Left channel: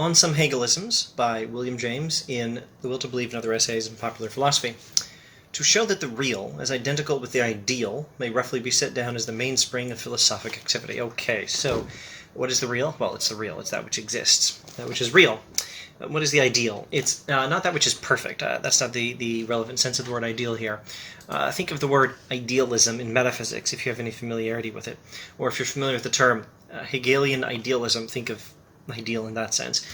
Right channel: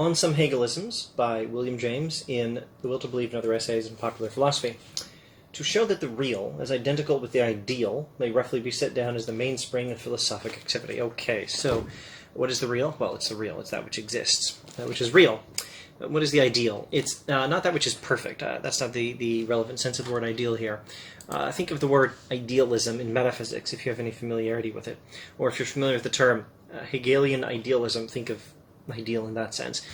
On Some Hegelisms by William James in The Will to Believe and Other Essays in Popular Philosophy. To show that the real, as identical with the ideal, may roughly be set down as the mainspring of philosophic activity. Okay, so what is the real? Well, it's the real. It's that which exists, that which is real. What is the ideal? It's not that which is perfect. That's not the relevant sense of the word ideal here. Think of the word idealism in metaphysics, if you have any familiarity with it. Or if you're familiar with the term Hegelian idealism, think of ideal in that sense.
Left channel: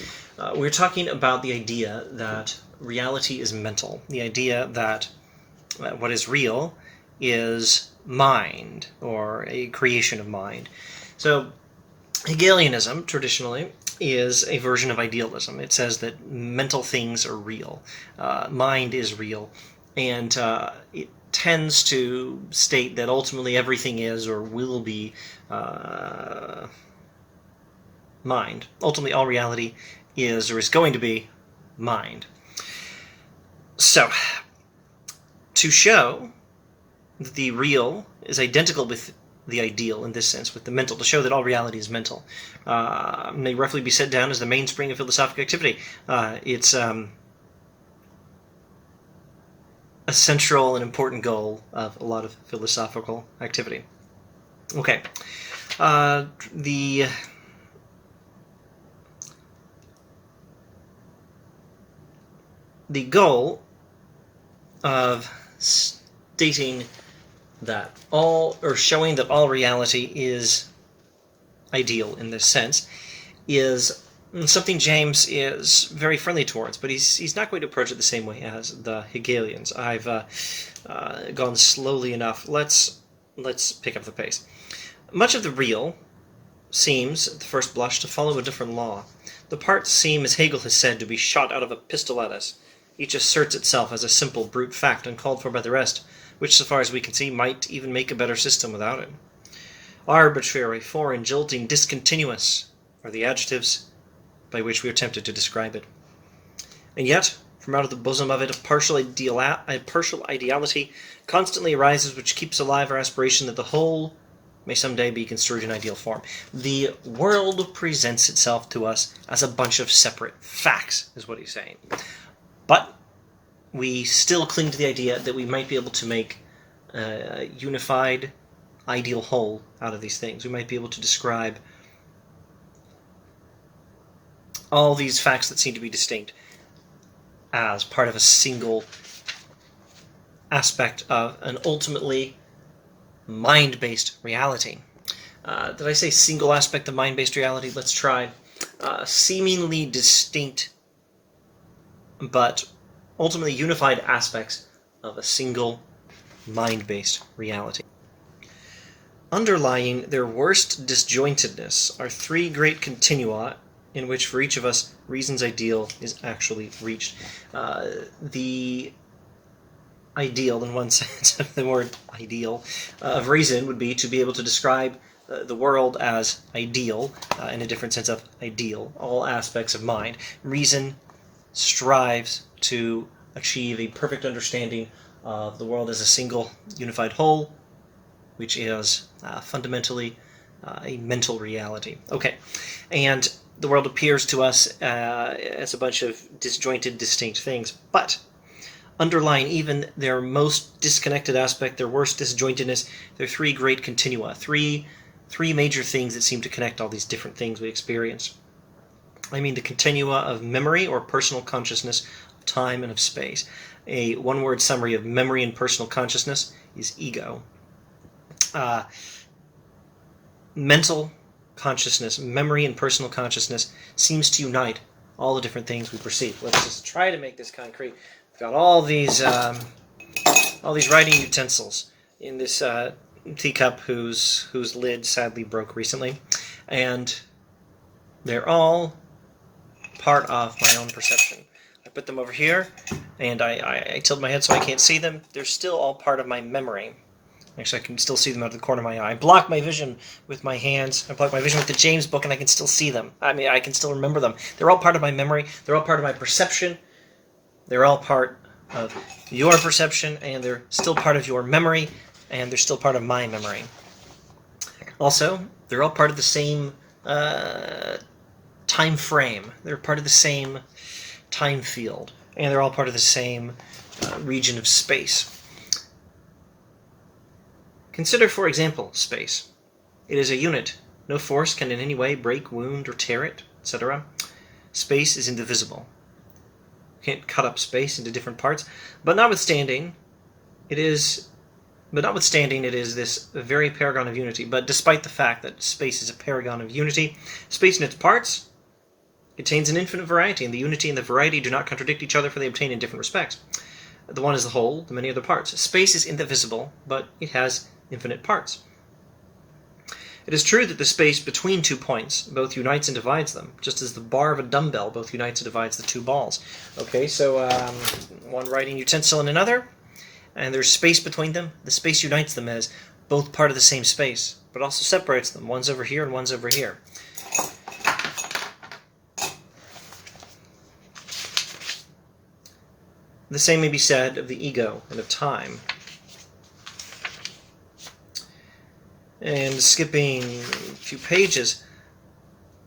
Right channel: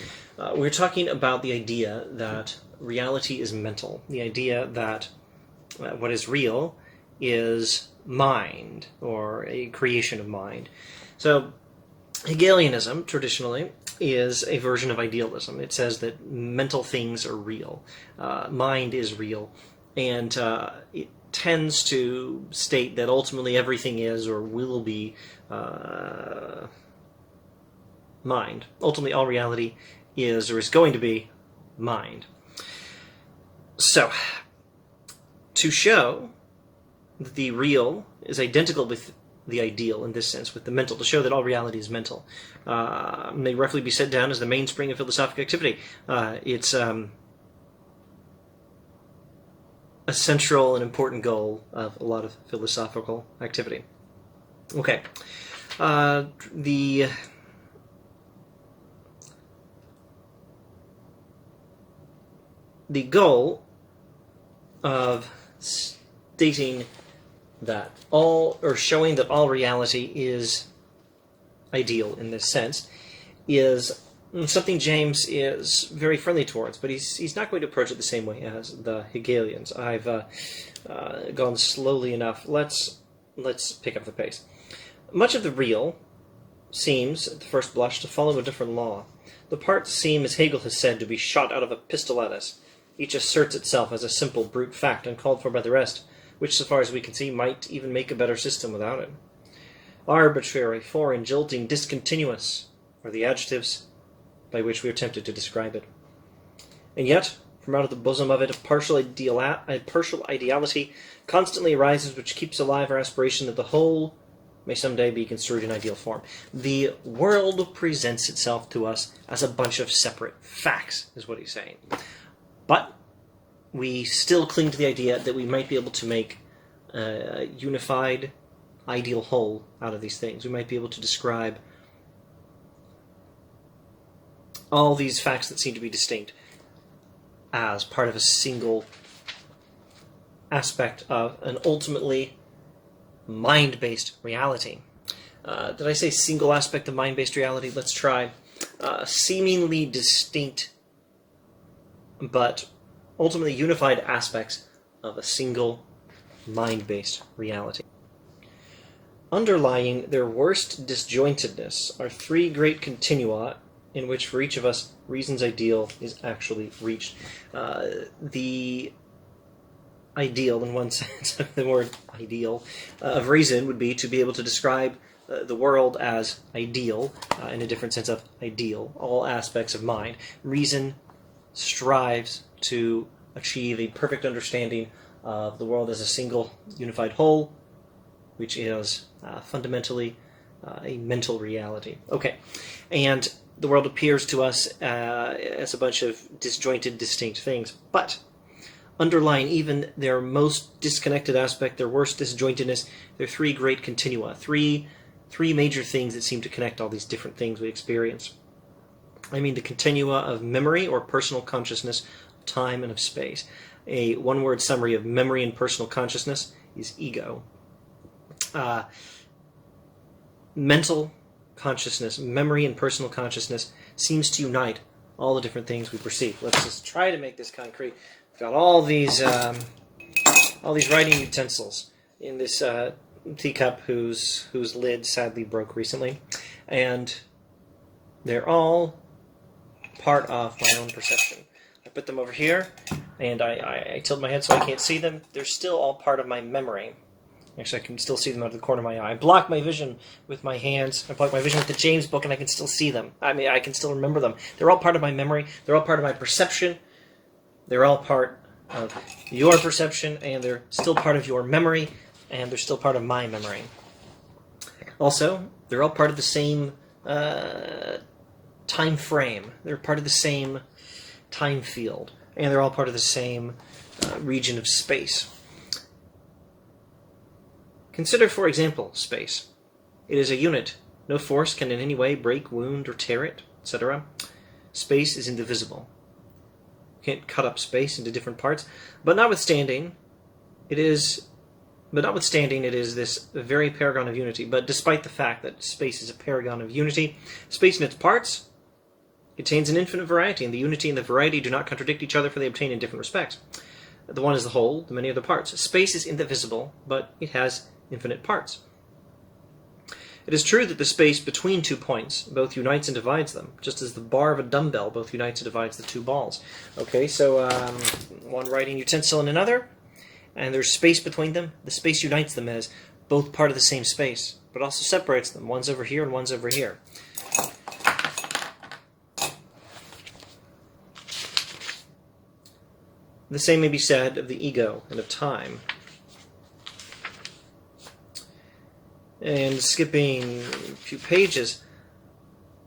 We're talking about the idea that reality is mental. The idea that what is real is mind, or a creation of mind. So Hegelianism, traditionally, is a version of idealism. It says that mental things are real, mind is real, and it tends to state that ultimately everything is or will be mind. Ultimately, all reality is or is going to be mind. So, to show that the real is identical with the ideal in this sense, with the mental, to show that all reality is mental, may roughly be set down as the mainspring of philosophic activity. It's a central and important goal of a lot of philosophical activity. Okay. The goal of stating that all, or showing that all reality is ideal in this sense, is something James is very friendly towards, but he's not going to approach it the same way as the Hegelians. I've gone slowly enough. Let's pick up the pace. Much of the real seems, at the first blush, to follow a different law. The parts seem, as Hegel has said, to be shot out of a pistol at us. Each asserts itself as a simple brute fact uncalled for by the rest, which, so far as we can see, might even make a better system without it. Arbitrary, foreign, jolting, discontinuous are the adjectives by which we are tempted to describe it. And yet, from out of the bosom of it, a partial ideality constantly arises which keeps alive our aspiration that the whole may someday be construed in ideal form. The world presents itself to us as a bunch of separate facts, is what he's saying. But we still cling to the idea that we might be able to make a unified, ideal whole out of these things. We might be able to describe all these facts that seem to be distinct as part of a single aspect of an ultimately mind-based reality. Did I say single aspect of mind-based reality? Let's try seemingly distinct but ultimately unified aspects of a single mind-based reality. Underlying their worst disjointedness are three great continua in which for each of us reason's ideal is actually reached. The ideal, in one sense of the word ideal, of reason would be to be able to describe the world as ideal, in a different sense of ideal, all aspects of mind. Reason strives to achieve a perfect understanding of the world as a single unified whole, which is fundamentally a mental reality. Okay, and the world appears to us as a bunch of disjointed, distinct things, but underlying even their most disconnected aspect, their worst disjointedness, there are three great continua, three major things that seem to connect all these different things we experience. I mean the continua of memory or personal consciousness, of time and of space. A one-word summary of memory and personal consciousness is ego. Mental consciousness, memory and personal consciousness seems to unite all the different things we perceive. Let's just try to make this concrete. We've got all these writing utensils in this teacup whose lid sadly broke recently, and they're all part of my own perception. I put them over here, and I tilt my head so I can't see them. They're still all part of my memory. Actually, I can still see them out of the corner of my eye. I block my vision with my hands. I block my vision with the James book, and I can still see them. I mean, I can still remember them. They're all part of my memory. They're all part of my perception. They're all part of your perception, and they're still part of your memory, and they're still part of my memory. Also, they're all part of the same time frame. They're part of the same time field, and they're all part of the same region of space. Consider, for example, space. It is a unit. No force can in any way break, wound, or tear it, etc. Space is indivisible. You can't cut up space into different parts, but notwithstanding, it is this very paragon of unity. But despite the fact that space is a paragon of unity, space in its parts contains an infinite variety, and the unity and the variety do not contradict each other, for they obtain in different respects. The one is the whole, the many are the parts. Space is indivisible, but it has infinite parts. It is true that the space between 2 points both unites and divides them, just as the bar of a dumbbell both unites and divides the 2 balls. Okay, so one writing utensil and another, and there's space between them. The space unites them as both part of the same space, but also separates them. One's over here and one's over here. The same may be said of the ego and of time. And skipping a few pages,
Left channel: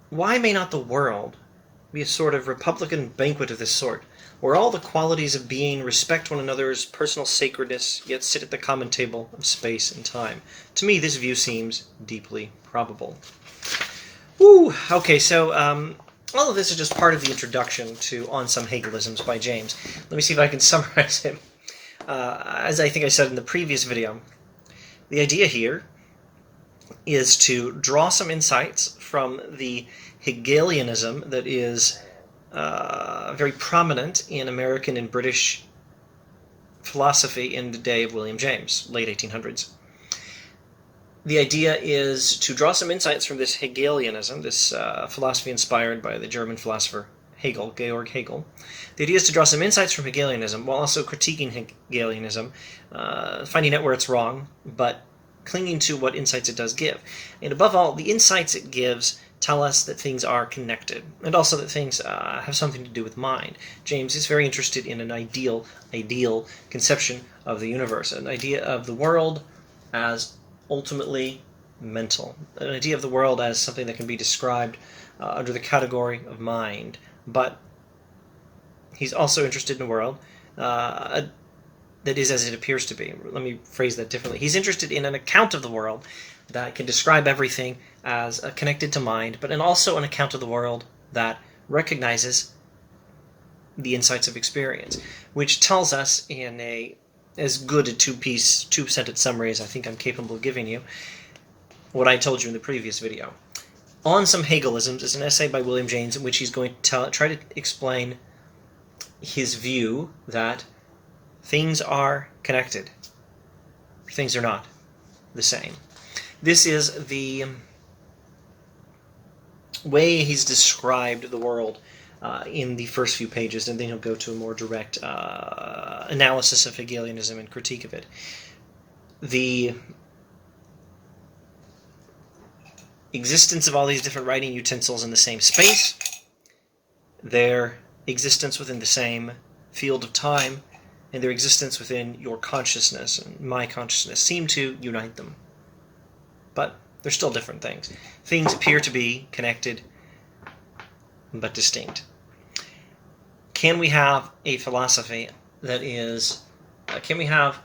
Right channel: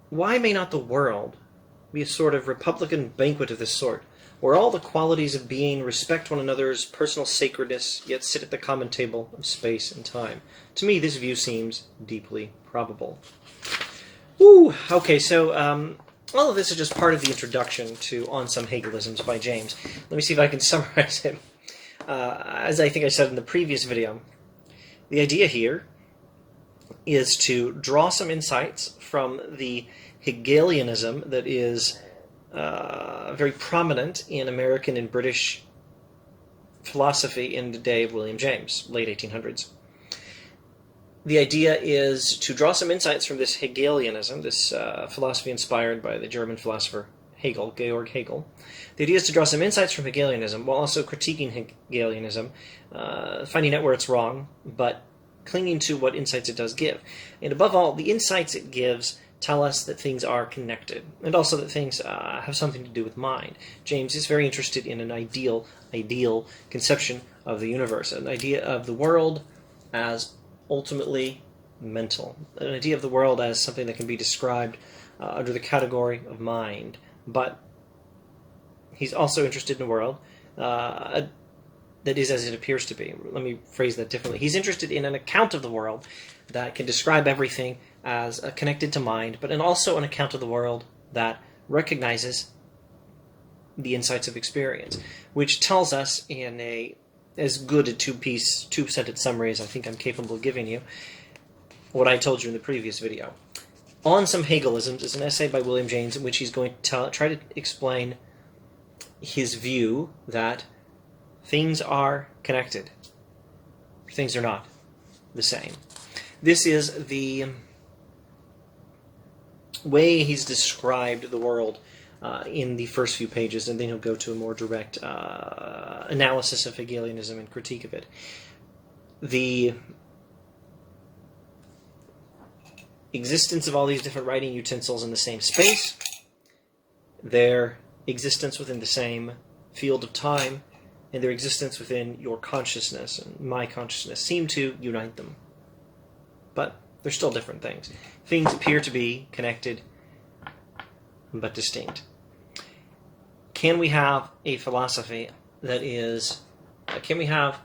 why may not the world be a sort of republican banquet of this sort, where all the qualities of being respect one another's personal sacredness, yet sit at the common table of space and time? To me, this view seems deeply probable. Okay, so all of this is just part of the introduction to On Some Hegelisms by James. Let me see if I can summarize it. As I think I said in the previous video, the idea here is to draw some insights from the Hegelianism that is very prominent in American and British philosophy in the day of William James, late 1800s. The idea is to draw some insights from this Hegelianism, this philosophy inspired by the German philosopher Hegel, Georg Hegel. The idea is to draw some insights from Hegelianism while also critiquing Hegelianism, finding out where it's wrong, but clinging to what insights it does give. And above all, the insights it gives tell us that things are connected, and also that things have something to do with mind. James is very interested in an ideal conception of the universe, an idea of the world as ultimately mental, an idea of the world as something that can be described under the category of mind. But he's also interested in a world that is as it appears to be. Let me phrase that differently. He's interested in an account of the world that can describe everything as connected to mind, but also an account of the world that recognizes the insights of experience, which tells us in as good a two-sentence summary as I think I'm capable of giving you what I told you in the previous video. On Some Hegelisms is an essay by William James in which he's going to try to explain his view that things are connected. Things are not the same. This is the way he's described the world in the first few pages, and then he'll go to a more direct analysis of Hegelianism and critique of it. The existence of all these different writing utensils in the same space, their existence within the same field of time, and their existence within your consciousness and my consciousness seem to unite them. But they're still different things. Things appear to be connected, but distinct. Can we have a philosophy that is... can we have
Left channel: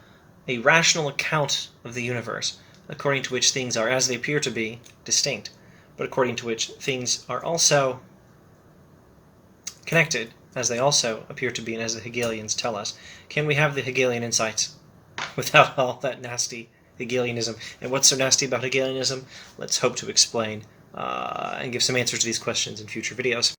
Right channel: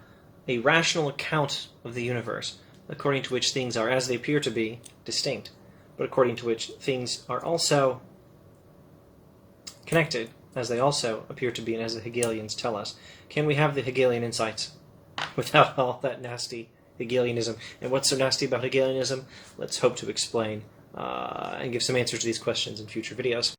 a rational account of the universe according to which things are, as they appear to be, distinct, but according to which things are also connected, as they also appear to be, and as the Hegelians tell us? Can we have the Hegelian insights without all that nasty Hegelianism? And what's so nasty about Hegelianism? Let's hope to explain and give some answers to these questions in future videos.